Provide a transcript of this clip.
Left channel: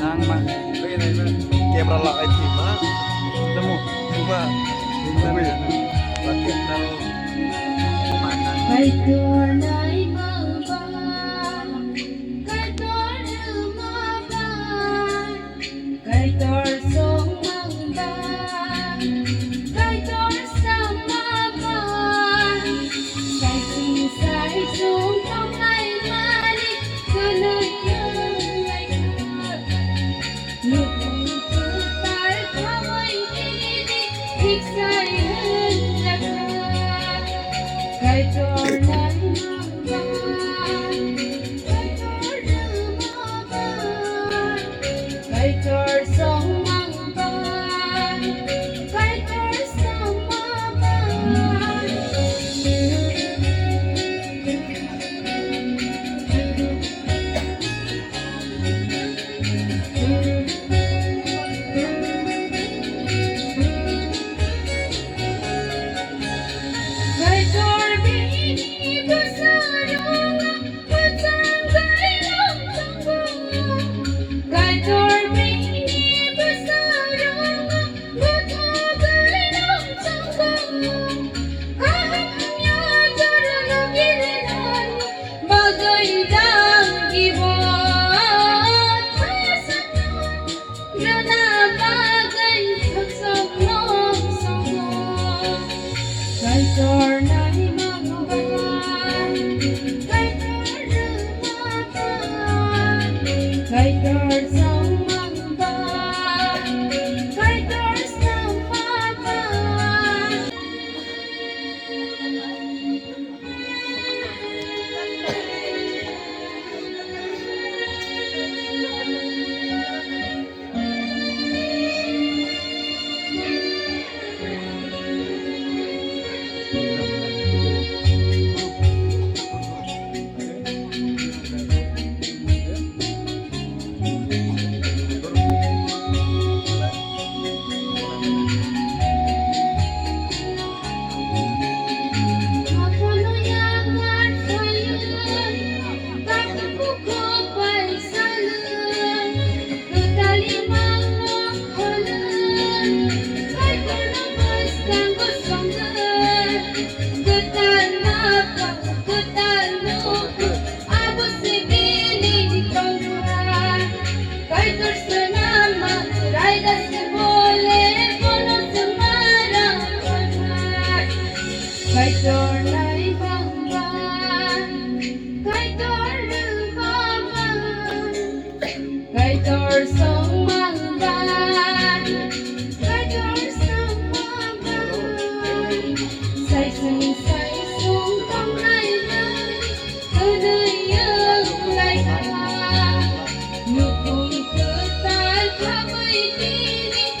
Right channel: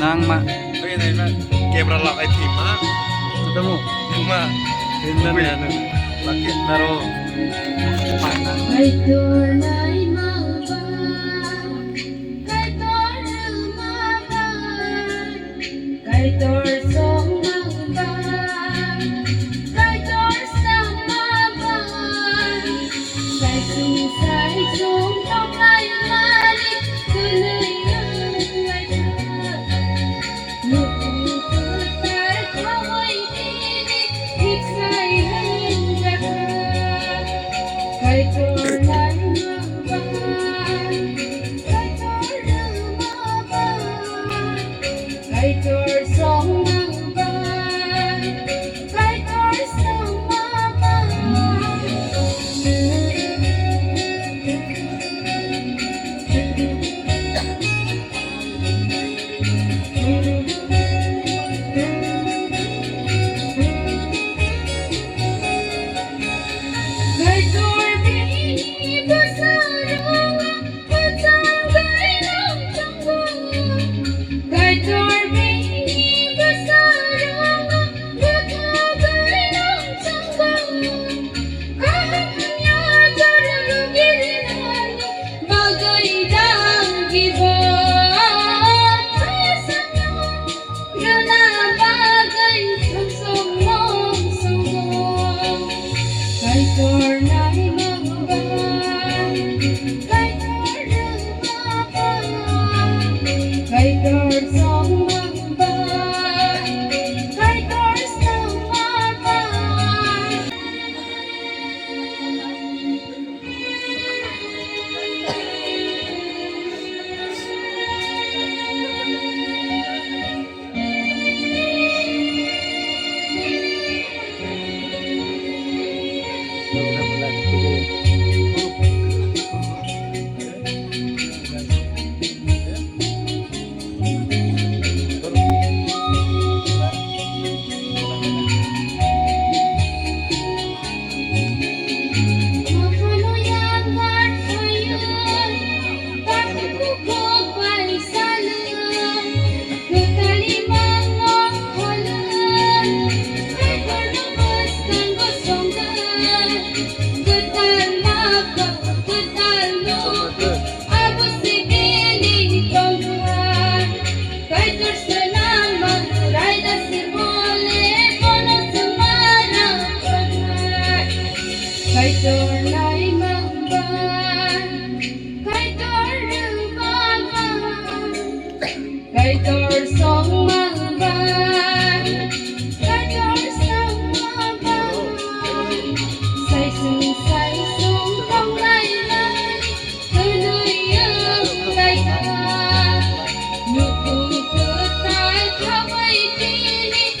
nang ma Kaya na yun, camera lock ay team ha. sudah mo Cuma, pindan kaya ya na laki naro. Kay tunay mauban, kay lumaban, kay torsong mauban, kay torsong maban, kay sinsay sumpong ay malik, tuloy ang lahat. Lupong tutay ko ay pilit, iksay handakan. Kay tunay mauban, kay lumaban, kay torsong mauban, kay torsong maban. Kay Corbini Basarong, Patanggay ng tanggong. Kay Corbini Basarong, Patanggay ng tanggong. Kahit niya darang gilinan, bagay dang gibot. Kasanong gana bagay pagsumong-sumong. Kay tunay mauban, kay lumaban, kay torsong mauban, kay torsong maban. Mapanuyakan sa'yo, bakit ko pa'y salan? Nagkalimang mong halan, kay palabas ng gusonggan. Gutal maka, gutal lupa, abos si piling pangkuhan. Kay torsa naman, rayda si bole, kono sumarang panay. Kay tunay mauban, kay lumaban, kay torsong mauban, kay torsong maban. Say sumpong laylay, tuloy ang laylay. Lupong tutay, kaway pilit,